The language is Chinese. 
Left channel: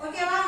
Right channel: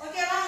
我点了。